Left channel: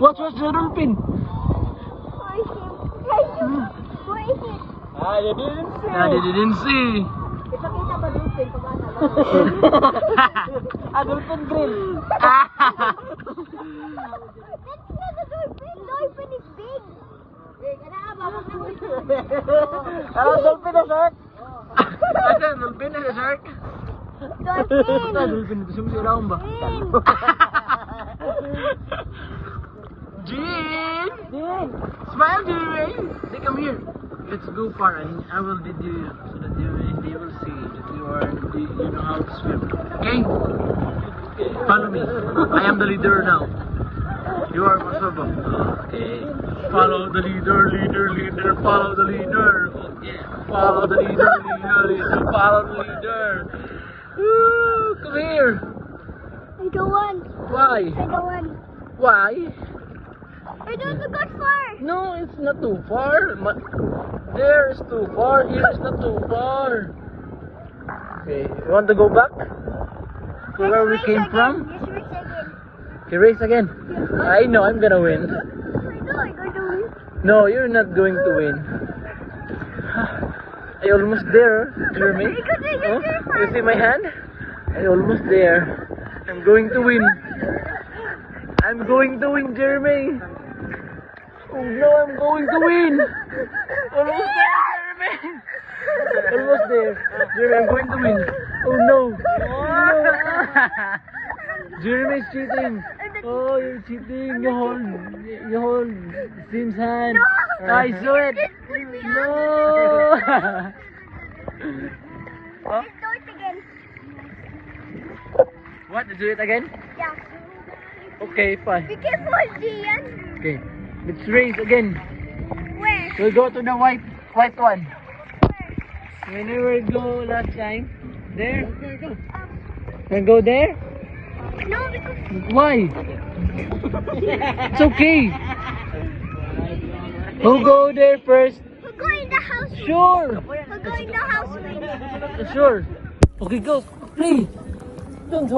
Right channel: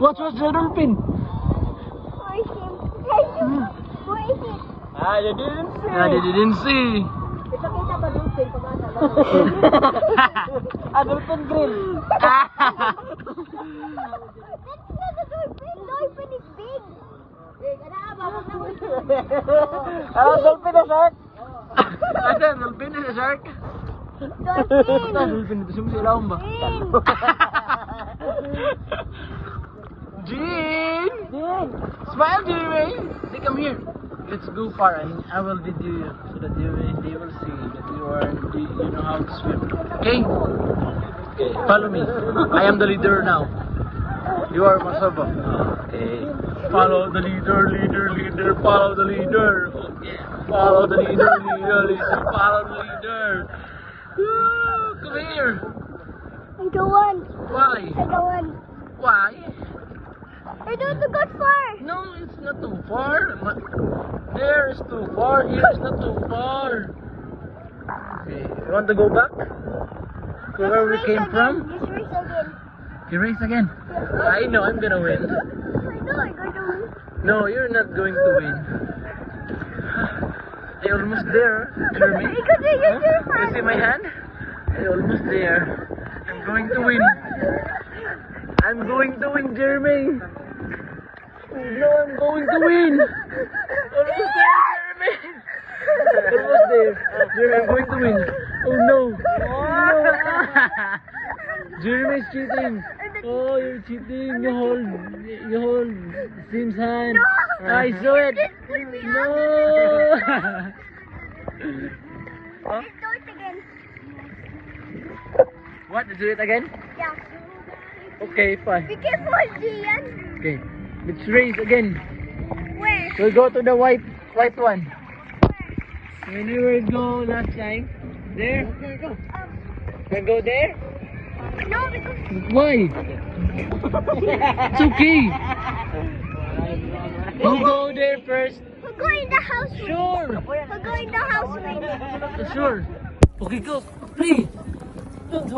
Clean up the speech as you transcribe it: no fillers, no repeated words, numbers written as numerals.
Watch the dolphin. Where is it? Ah, they didn't see. Ah, they didn't see. Ipakita ba dolphin pag Ah, dolphin grill. That's not a dolphin. Dolphin is big. Big. Dolphin na shark. Asa, dolphin na shark. Dolphin. Dolphin ito sumisiraon ba? Jean! Smile, Jeremy! They come here. Let's go far and I will lead you so that they will see that you know how to swim. Okay? Okay, follow me. I am the leader now. You are Masoba. Okay. Follow the leader, follow the leader. Okay. Follow the leader, follow the leader. Woo, come here. I don't want. Why? I don't want. Why? I don't want to go far. No, it's not too far. There is too far. Here is not too far. Okay, you want to go back to where we came from? Just race again. You race again? I know I'm gonna win. I know I'm going to win. No, you're not going to win. I almost there, Jeremy. Because I Huh? You see my hand? I almost there. I'm going to win. I'm going to win, Jeremy. Oh no, I'm going to win. Almost there, Jeremy. Almost there. Jeremy, I'm going to win. Oh no. Oh no. Jeremy's cheating. Oh, you're cheating. You hold Sim's hand. No. I saw it. No. Huh? Let's do it again. What? Do it again? Yeah. Okay, fine. Be careful, Gian. Okay, let's race again. Where? We'll go to the white one. Where? Where we go last time? There? Okay, go. And go there? No, because Why? It's okay. We'll go there first. we'll go in the house. Sure. We'll go in the house. Sure. Okay, go. Play. Don't hold.